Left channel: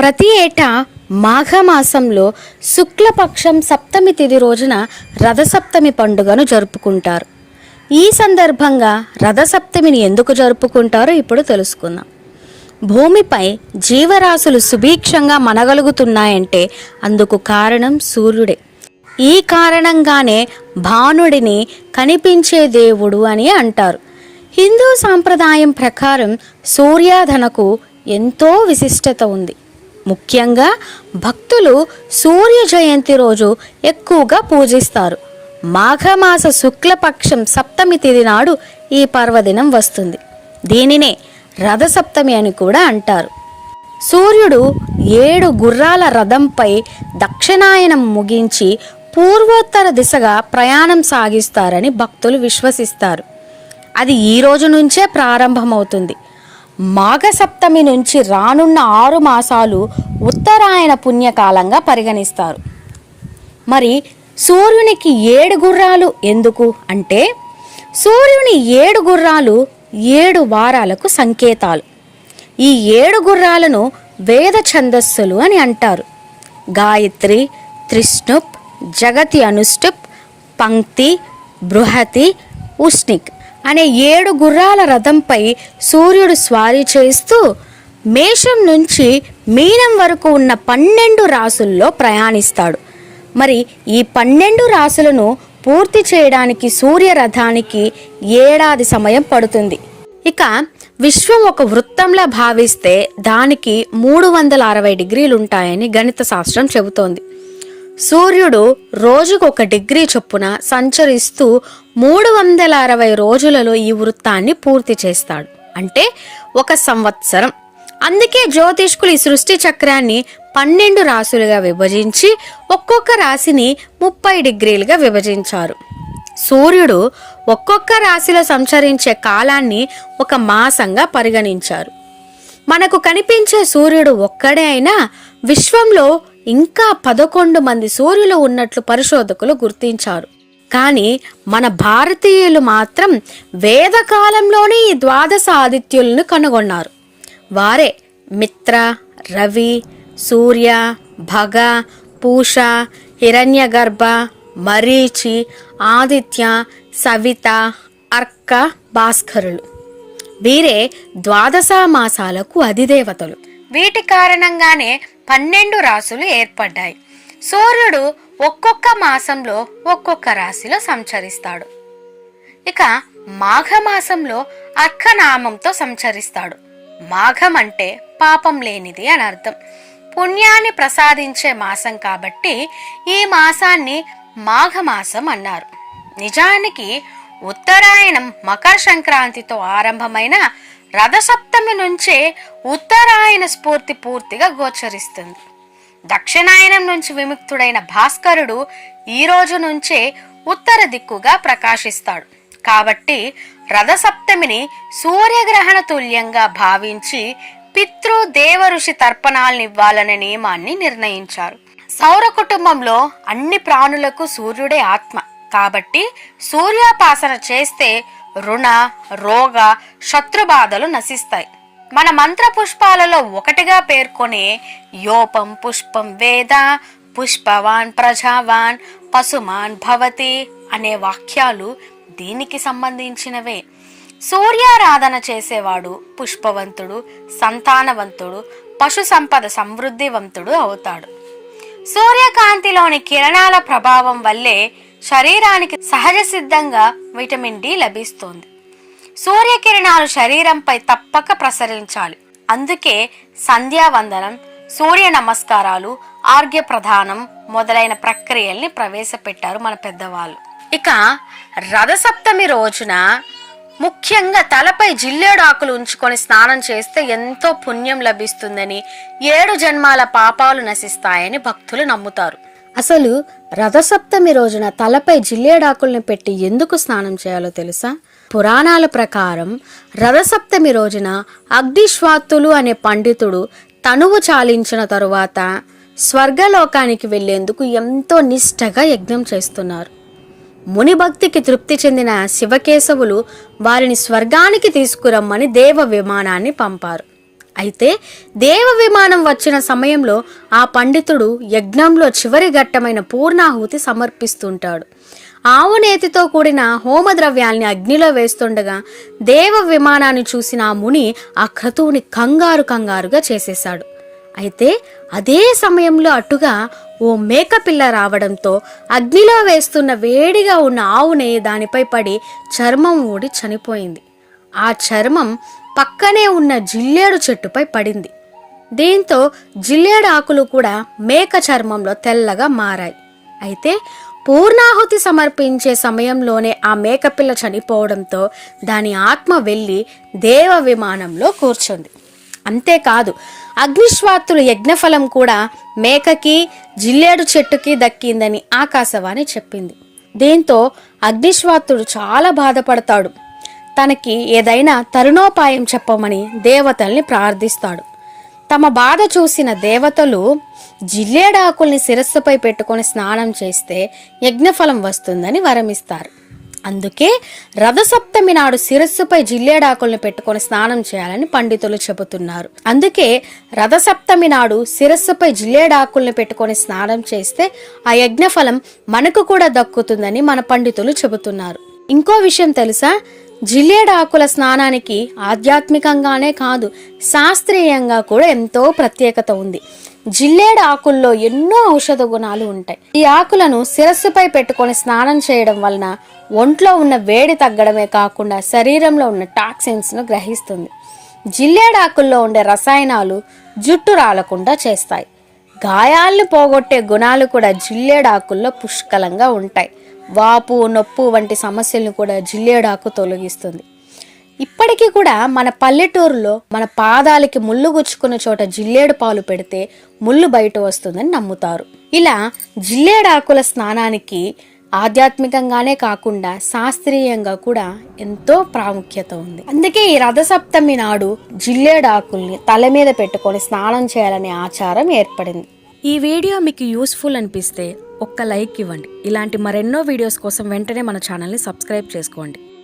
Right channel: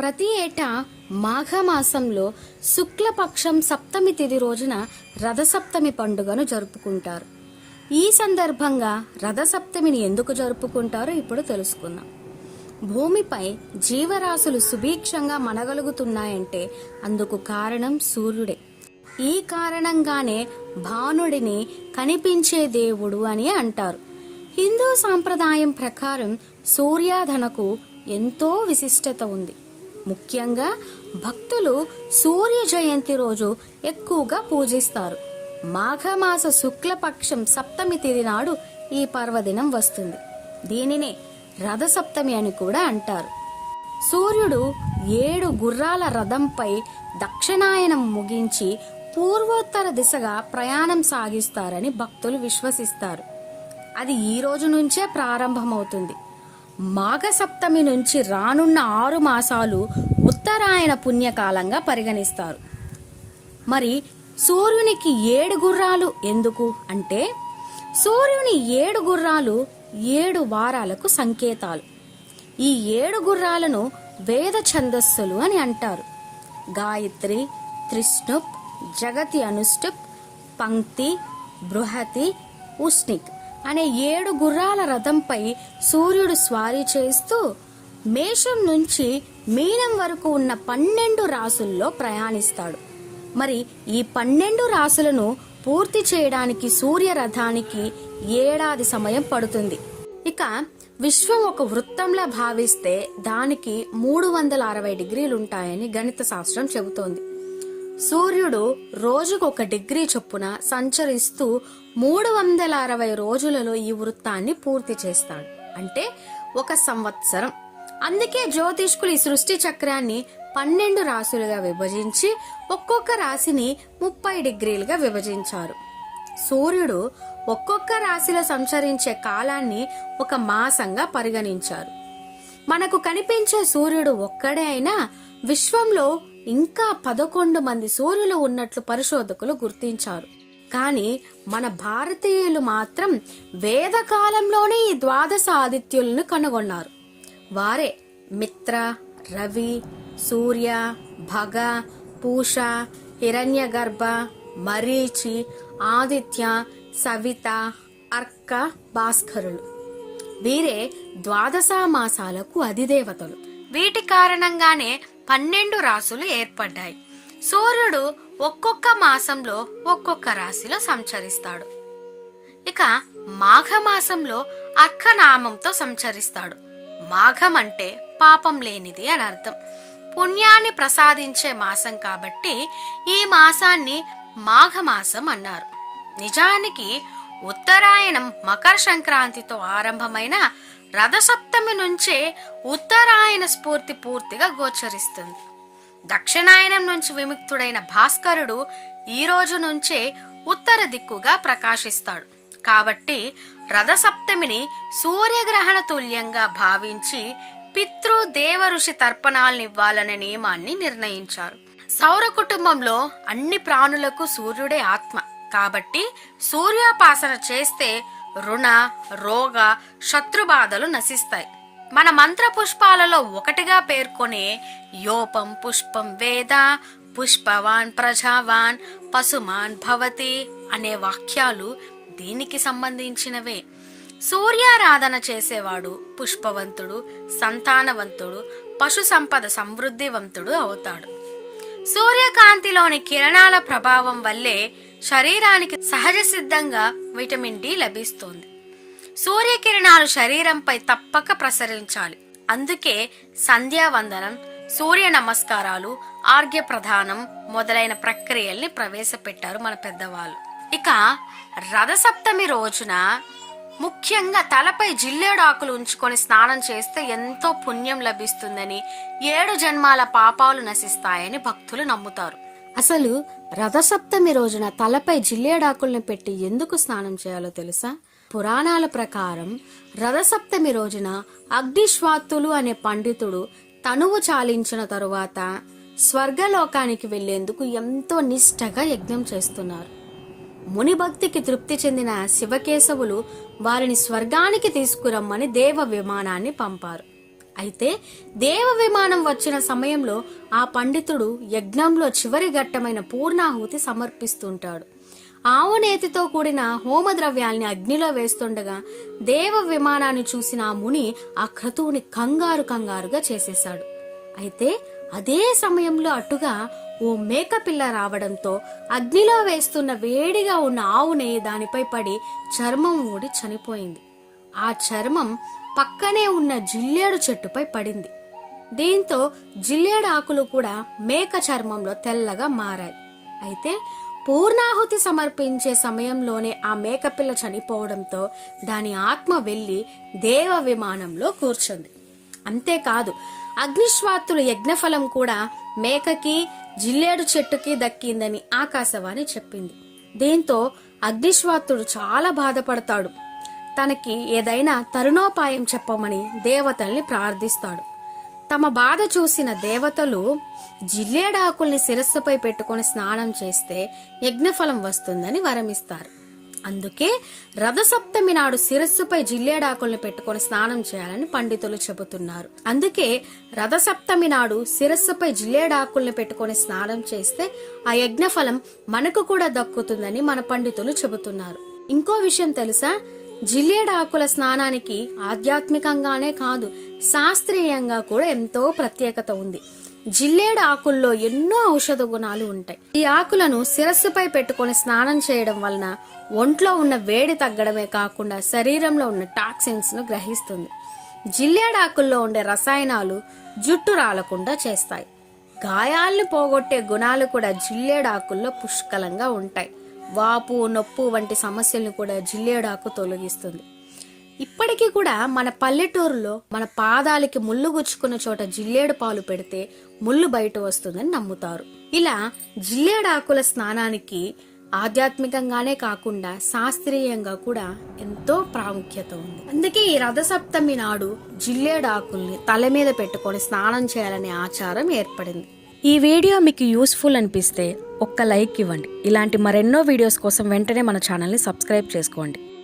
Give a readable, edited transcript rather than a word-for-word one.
ప్రతి ఏటా మాఘమాసంలో శుక్లపక్షం సప్తమి తిథి రోజున రథసప్తమి పండుగను జరుపుకుంటారు. ఈ సందర్భంగా రథసప్తమిని ఎందుకు జరుపుకుంటారో ఇప్పుడు తెలుసుకుందాం. భూమిపై జీవరాశులు సుభిక్షంగా మనగలుగుతున్నాయంటే అందుకు కారణం సూర్యుడే. ఈ కారణంగానే భానుడిని కనిపించే దేవుడు అని అంటారు. హిందూ సాంప్రదాయం ప్రకారం సూర్యాధనకు ఎంతో విశిష్టత ఉంది. ముఖ్యంగా భక్తులు సూర్య జయంతి రోజు ఎక్కువగా పూజిస్తారు. మాఘమాస శుక్లపక్షం సప్తమి తిథి నాడు ఈ పర్వదినం వస్తుంది. దీనినే రథసప్తమి అని కూడా అంటారు. సూర్యుడు 7 గుర్రాల రథంపై దక్షిణాయనం ముగించి పూర్వోత్తర దిశగా ప్రయాణం సాగిస్తారని భక్తులు విశ్వసిస్తారు. అది ఈ రోజు నుంచే ప్రారంభమవుతుంది. మాఘసప్తమి నుంచి రానున్న 6 మాసాలు ఉత్తరాయణ పుణ్యకాలంగా పరిగణిస్తారు. మరి సూర్యునికి 7 గుర్రాలు ఎందుకు అంటే, సూర్యుని 7 గుర్రాలు 7 వారాలకు సంకేతాలు. ఈ 7 గుర్రాలను వేద ఛందస్సులు అని అంటారు. గాయత్రి, త్రిష్ణుప్, జగతి అనుష్టుప్, పంక్తి, బృహతి, ఉష్ణిక్ అనే 7 గుర్రాల రథంపై సూర్యుడు స్వారీ చేస్తూ మేషం నుంచి మీనం వరకు ఉన్న 12 రాసుల్లో ప్రయాణిస్తాడు. మరి ఈ 12 రాసులను పూర్తి చేయడానికి సూర్య రథానికి 1 ఏడాది సమయం పడుతుంది. ఇక విశ్వం ఒక వృత్తంలా భావిస్తే దానికి 360 డిగ్రీలు ఉంటాయని గణిత శాస్త్రం చెబుతోంది. సూర్యుడు రోజుకు 1 డిగ్రీ చొప్పున సంచరిస్తూ 360 రోజులలో ఈ వృత్తాన్ని పూర్తి చేస్తాడు. అంటే 1 సంవత్సరం. అందుకే జ్యోతిష్కులు ఈ సృష్టి చక్రాన్ని 12 రాశులుగా విభజించి ఒక్కొక్క రాశిని 30 డిగ్రీలుగా విభజించారు. సూర్యుడు ఒక్కొక్క రాశిలో సంచరించే కాలాన్ని 1 మాసంగా పరిగణించారు. మనకు కనిపించే సూర్యుడు ఒక్కడే అయినా విశ్వంలో ఇంకా 11 మంది సూర్యులు ఉన్నట్లు పరిశోధకులు గుర్తించారు. కానీ మన భారతీయులు మాత్రం వేదకాలంలోనే ఈ 12 ఆదిత్యులను కనుగొన్నారు. వారే మిత్ర, రవి, సూర్య, భగ, పూష, హిరణ్యగర్భ, మరీచి, ఆదిత్య, సవిత, అర్క, భాస్కరులు. వీరే 12 మాసాలకు అధిదేవతలు. వీటి కారణంగానే 12 రాశులు ఏర్పడ్డాయి. సూర్యుడు ఒక్కొక్క మాసంలో ఒక్కొక్క రాశిలో సంచరిస్తాడు. ఇక మాఘమాసంలో అర్కనామంతో సంచరిస్తాడు. మాఘం అంటే పాపం లేనిది అని అర్థం. పుణ్యాన్ని ప్రసాదించే మాసం కాబట్టి ఈ మాసాన్ని మాఘమాసం అన్నారు. నిజానికి ఉత్తరాయణం మకర సంక్రాంతితో ఆరంభమైన రథసప్తమి నుంచే ఉత్తరాయణ స్ఫూర్తి పూర్తిగా గోచరిస్తుంది. దక్షిణాయనం నుంచి విముక్తుడైన భాస్కరుడు ఈ రోజు నుంచే ఉత్తర దిక్కుగా ప్రకాశిస్తాడు. కాబట్టి రథసప్తమిని సూర్యగ్రహణ తుల్యంగా భావించి పితృ దేవ ఋషి తర్పణాలను ఇవ్వాలనే నియమాన్ని నిర్ణయించారు. సౌర కుటుంబంలో అన్ని ప్రాణులకు సూర్యుడే ఆత్మ. కాబట్టి సూర్యోపాసన చేస్తే రుణ, రోగ, శత్రుబాధలు నశిస్తాయి. మన మంత్ర పుష్పాలలో ఒకటిగా పేర్కొనే యోపం పుష్పం వేద పుష్పవాన్ ప్రజావాన్ పశుమాన్ భవతి అనే వాక్యాలు దీనికి సంబంధించినవే. సూర్యారాధన చేసేవాడు పుష్పవంతుడు, సంతానవంతుడు, పశు సంపద సమృద్ధివంతుడు అవుతాడు. సూర్యకాంతిలోని కిరణాల ప్రభావం వల్లే శరీరానికి సహజ సిద్ధంగా విటమిన్ డి లభిస్తుంది. సూర్యకిరణాలు శరీరంపై తప్పక ప్రసరించాలి. అందుకే సంధ్యావందనం, సూర్య నమస్కారాలు, ఆర్ఘ్య ప్రదానం మొదలైన ప్రక్రియల్ని ప్రవేశపెట్టారు మన పెద్దవాళ్ళు. ఇక రథసప్తమి రోజున ముఖ్యంగా తలపై జిల్లేడాకులు ఉంచుకొని స్నానం చేస్తే ఎంతో పుణ్యం లభిస్తుందని, 7 జన్మాల పాపాలు నశిస్తాయని భక్తులు నమ్ముతారు. అసలు రథసప్తమి రోజున తలపై జిల్లేడాకులను పెట్టి ఎందుకు స్నానం చేయాలో తెలుసా? పురాణాల ప్రకారం రథసప్తమి రోజున అగ్నిశ్వాత్తులు అనే పండితుడు తనువు చాలించిన తరువాత స్వర్గలోకానికి వెళ్లేందుకు ఎంతో నిష్ఠగా యజ్ఞం చేస్తున్నారు. ముని భక్తికి తృప్తి చెందిన శివకేశవులు వారిని స్వర్గానికి తీసుకురమ్మని దేవ విమానాన్ని పంపారు. అయితే దేవ విమానం వచ్చిన సమయంలో ఆ పండితుడు యజ్ఞంలో చివరి ఘట్టమైన పూర్ణాహుతి సమర్పిస్తుంటాడు. ఆవు నేతితో కూడిన హోమద్రవ్యాల్ని అగ్నిలో వేస్తుండగా దేవ విమానాన్ని చూసిన ఆ ముని ఆ క్రతువుని కంగారుగా చేసేశాడు. అయితే అదే సమయంలో అటుగా ఓ మేకపిల్ల రావడంతో అగ్నిలో వేస్తున్న వేడిగా ఉన్న ఆవు నెయ్యి దానిపై పడి చర్మం ఊడి చనిపోయింది. ఆ చర్మం పక్కనే ఉన్న జిల్లేడు చెట్టుపై పడింది. దీంతో జిల్లేడు ఆకులు కూడా మేక చర్మంలో తెల్లగా మారాయి. అయితే పూర్ణాహుతి సమర్పించే సమయంలోనే ఆ మేకపిల్ల చనిపోవడంతో దాని ఆత్మ వెళ్ళి దేవ విమానంలో కూర్చుంది. అంతేకాదు, అగ్నిశ్వాత్తుల యజ్ఞఫలం కూడా మేకకి జిల్లేడు చెట్టుకి దక్కిందని ఆకాశవాణి చెప్పింది. దీంతో అగ్నిశ్వాత్తుడు చాలా బాధపడతాడు. తనకి ఏదైనా తరుణోపాయం చెప్పమని దేవతల్ని ప్రార్థిస్తాడు. తమ బాధ చూసిన దేవతలు జిల్లేడాకుల్ని శిరస్సుపై పెట్టుకొని స్నానం చేస్తే యజ్ఞఫలం వస్తుందని వరమిస్తారు. అందుకే రథసప్తమి నాడు శిరస్సుపై జిల్లేడాకుల్ని పెట్టుకొని స్నానం చేయాలని పండితులు చెబుతున్నారు. అందుకే రథసప్తమి నాడు శిరస్సుపై జిల్లేడాకుల్ని పెట్టుకొని స్నానం చేస్తే ఆ యజ్ఞఫలం మనకు కూడా దక్కుతుందని మన పండితులు చెబుతున్నారు. ఇంకో విషయం తెలుసా? జిల్లేడాకుల స్నానానికి ఆధ్యాత్మికంగానే కాదు, శాస్త్రీయంగా కూడా ఎంతో ప్రత్యేకత ఉంది. జిల్లేడు ఆకుల్లో ఎన్నో ఔషధ గుణాలు ఉంటాయి. ఈ ఆకులను శిరస్సుపై పెట్టుకొని స్నానం చేయడం వలన ఒంట్లో ఉన్న వేడి తగ్గడమే కాకుండా శరీరంలో ఉన్న టాక్సిన్స్ ను గ్రహిస్తుంది. జిల్లేడు ఆకుల్లో ఉండే రసాయనాలు జుట్టు రాలకుండా చేస్తాయి. గాయాలను పోగొట్టే గుణాలు కూడా జిల్లేడు ఆకుల్లో పుష్కలంగా ఉంటాయి. వాపు, నొప్పు వంటి సమస్యలను కూడా జిల్లేడాకు తొలగిస్తుంది. ఇప్పటికీ కూడా మన పల్లెటూరులో మన పాదాలకి ముళ్ళు గుచ్చుకున్న చోట జిల్లేడు పాలు పెడితే ముళ్ళు బయట వస్తుందని నమ్ముతారు. ఇలా జిల్లేడాకుల స్నానానికి ఆధ్యాత్మికంగానే కాకుండా శాస్త్రీయంగా కూడా ఎంతో ప్రాముఖ్యత ఉంది. అందుకే ఈ రథసప్తమి నాడు జిల్లేడాకుల్ని తల మీద పెట్టుకొని స్నానం చేయాలనే ఆచారం ఏర్పడింది. ఈ వీడియో మీకు యూస్ఫుల్ అనిపిస్తే ఒక్క లైక్ ఇవ్వండి. ఇలాంటి మరెన్నో వీడియోస్ కోసం వెంటనే మన ఛానల్ని సబ్స్క్రైబ్ చేసుకోండి.